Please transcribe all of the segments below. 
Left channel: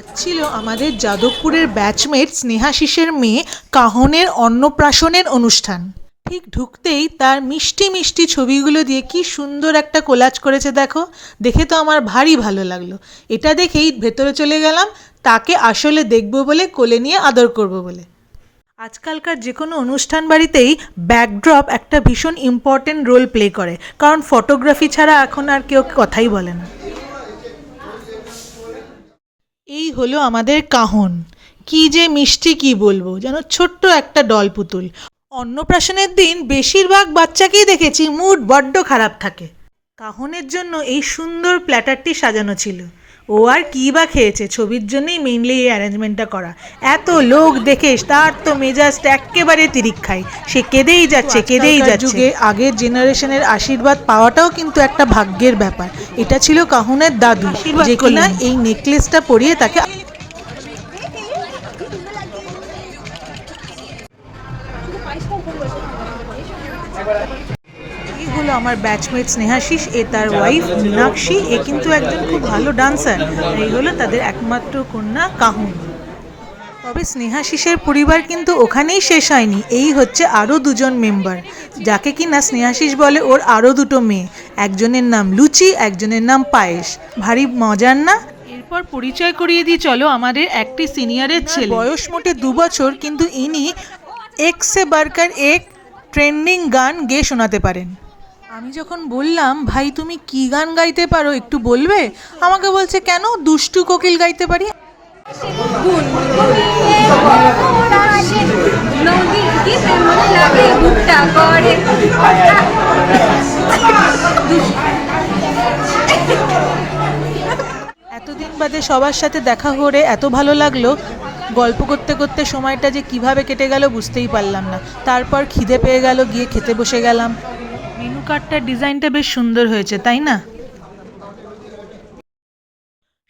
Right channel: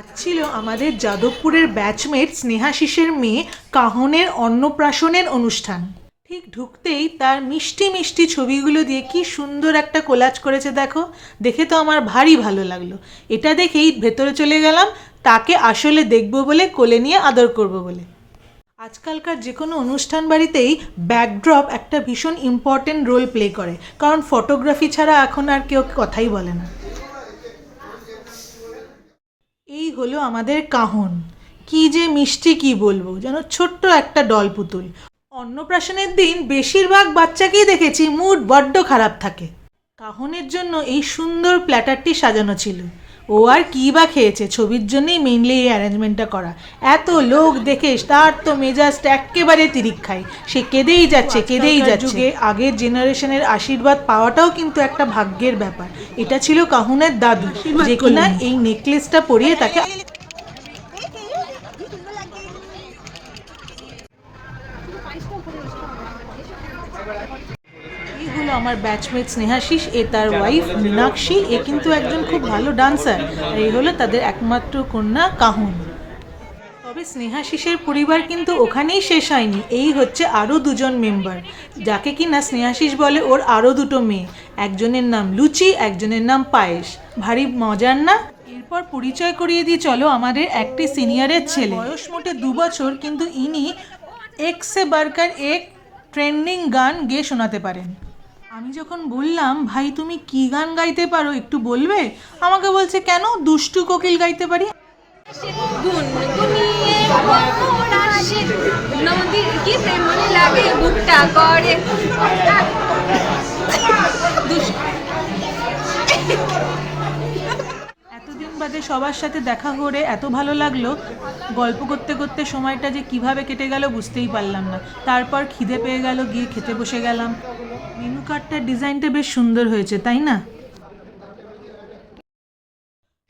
আজ ছিল আমাদের যাদবপুরের ব্যাচমেট স্নেহাশিসের মেয়ে কাহনের অন্নপ্রাশনের অনুষ্ঠান। ঠিক ঢুকতেই তার মিষ্টি মিষ্টি ছবিগুলো দিয়ে কি সুন্দর একটা কোলাজ করেছে দেখো, দেখে তো আমার ভারী ভালো লাগলো। এটা দেখেই ভেতরে চলে গেলাম তাকে আসলে দেখব বলে, কোলে নিয়ে আদর করব বলে। আজকালকার যে কোনো অনুষ্ঠান বাড়িতেই ব্যাকড্রপ একটা ভীষণ ইম্পর্টেন্ট রোল প্লে করে, কারণ ফটোগ্রাফি ছাড়া এখন আর কেউ কথাই বলে না। এই হলো আমাদের কাহন, কি যে মিষ্টি কি বলবো, যেন ছোট্ট একটা ডল পুতুল। অন্নপ্রাশনের দিন বেশিরভাগ বাচ্চাকেই দেখেছি মুড বড্ড খারাপ থাকে। কাহনের জন্য এই সুন্দর প্ল্যাটারটি সাজানো ছিল। ও আর কী বা খেয়েছে, ছবির জন্যই মেইনলি এই অ্যারেঞ্জমেন্টটা করা। এত লোক দেখে তার তো মেজাজটা একেবারে তিরিক খায়, সে কেঁদেই যাচ্ছে কেঁদেই যাচ্ছে। আগের জেনারেশনের আশীর্বাদ পাওয়াটাও কিন্তু একটা ভাগ্যের ব্যাপার। এটা ছিল কাহনের দাদু, যে কিনা এই নেকলেসটা পরিয়ে তাকে এইগুলো আমার ব্যাচমেট স্নেহাশিস, এ তার ওয়াইফ মীনাক্ষী, এ কিন্তু একজন খুব ভালো ডান্সার। এই হলো তাদের একমাত্র কন্যা কাহন। তবে স্নেহাশিসের পরিবার কিন্তু ওখানেই শেষ হয়নি, এই হচ্ছে আরও দুজন মেম্বার, যাকে কিনা স্নেহাশিস বলে ওর আরও দুটো মেয়ে। একজনের নাম লুচি, একজনের নাম পায়েস। ভারী মজার না? এরপর পরিচয় করিয়ে দিই চলো আমাদের একটি সিনিয়রের ছেলে। বয়স মোটে 2 বছর, কিন্তু ইনি এক সে বাড়কর এক ট্রেন্ডিং গান গেয়ে শোনাতে পারেন। আমি যখন বললাম ভাই তুমি কি গান গাইতে পারো একটু বলবে, আমাকে বলছে কেন, দুষ্টু কোকিল গাইতে পারি। এতদিন বাদে সবার সাথে দেখা করে এত ভালো লাগলো, গল্প করতে করতে সময়টা যে কিভাবে কেটে গেল বুঝতেই পারলাম না। তারপর খিদে পেয়ে গেল, গিয়ে খেতে বসে গেলাম। মেনু কার্ডটার ডিজাইনটা বেশ সুন্দর হয়েছে তাই না?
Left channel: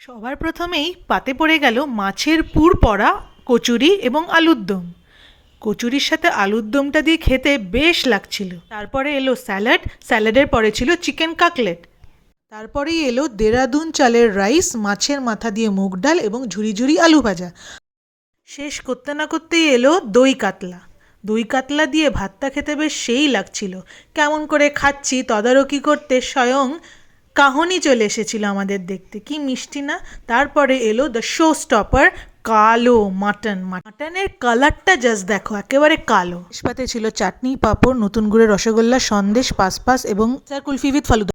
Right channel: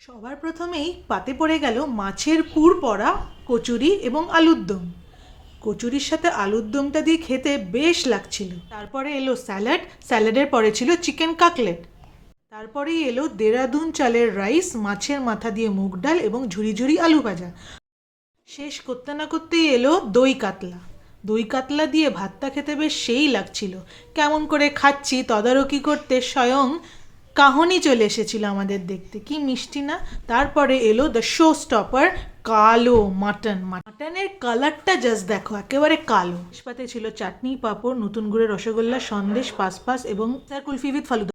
সবার প্রথমেই পাতে পড়ে গেল মাছের পুর পড়া কচুরি এবং আলুর দম। কচুরির সাথে আলুর দমটা দিয়ে খেতে বেশ লাগছিল। তারপরে এলো স্যালাড, স্যালাডের পরে ছিল চিকেন কাকলেট। তারপরেই এলো দেরাদুন চালের রাইস, মাছের মাথা দিয়ে মুগ ডাল এবং ঝুরি ঝুরি আলু ভাজা। শেষ করতে না করতেই এলো দই কাতলা। দই কাতলা দিয়ে ভাতটা খেতে বেশ সেই লাগছিল। কেমন করে খাচ্ছি তদারকি করতে স্বয়ং কাহনই চলে এসেছিল আমাদের দেখতে, কি মিষ্টি না। তারপরে এলো দ্য শো স্টপার, কালো মাটন। মাটনের কালারটা জাস্ট দেখো, একেবারে কালো। পাতে ছিল চাটনি, পাঁপড়, নতুন গুড়ের রসগোল্লা, সন্দেশ, পাসপাস এবং কুলফি উইথ ফালুদা।